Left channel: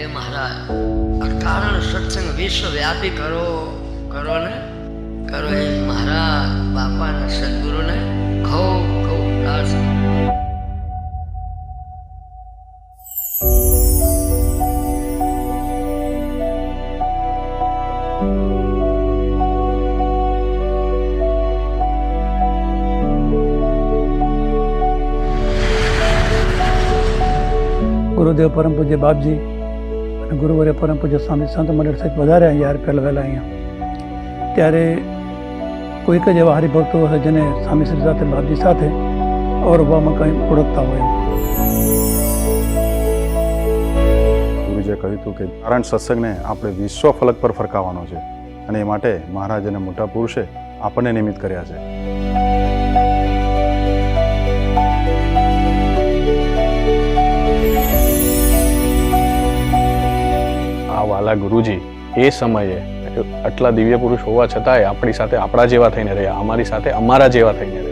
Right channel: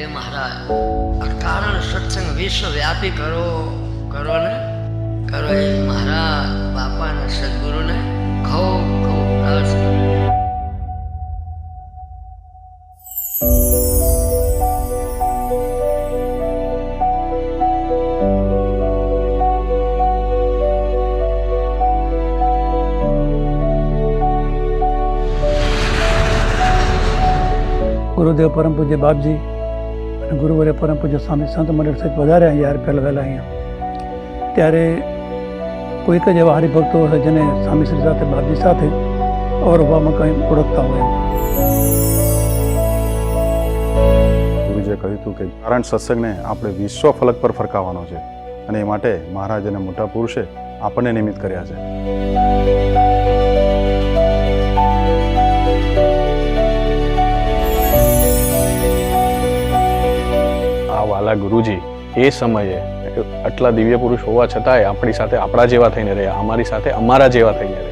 એ મહારાજ અકારણ સત્સંગ વિશ્વવ્યાપી કરો ને કરો. એ મહારાજ બાપાના સદગુરુને ખૂબ ખૂબ પ્રાર્થના. ગુરુદેવ પરમ પૂજ્ય બાપજી અને ગુરુવર્ય પરમ પૂજ્ય સ્વામી સંત મંડળ સહિત વધારે યાર પહેલાં વહેલા અહીંયા. ત્યારે કોઈક જ એવા હરિભક્તો હશે જેને સ્વામીશ્રી સાથે બાપજી સાથે અવરવામાં કંઈ ઓળખતા હોય એમ. ગુરુજીએ કહ્યું હતું કે કારણ સત્સંગને આપણે વિશ્વ ફલક પર ફરકાવવાનો છે અને એ માટે મહારાજ અને મોટા પુરુષે આપણને નિમિત્ત કર્યા છે. આ વાલા ગુરુજી એ સમયે આટલા દિવ્ય પુરુષ હોવા છતાંય આપણી સાથે આપણા જેવા થઈને રહ્યા, અમારી સાથે અમારા જેવા થઈને રહ્યા.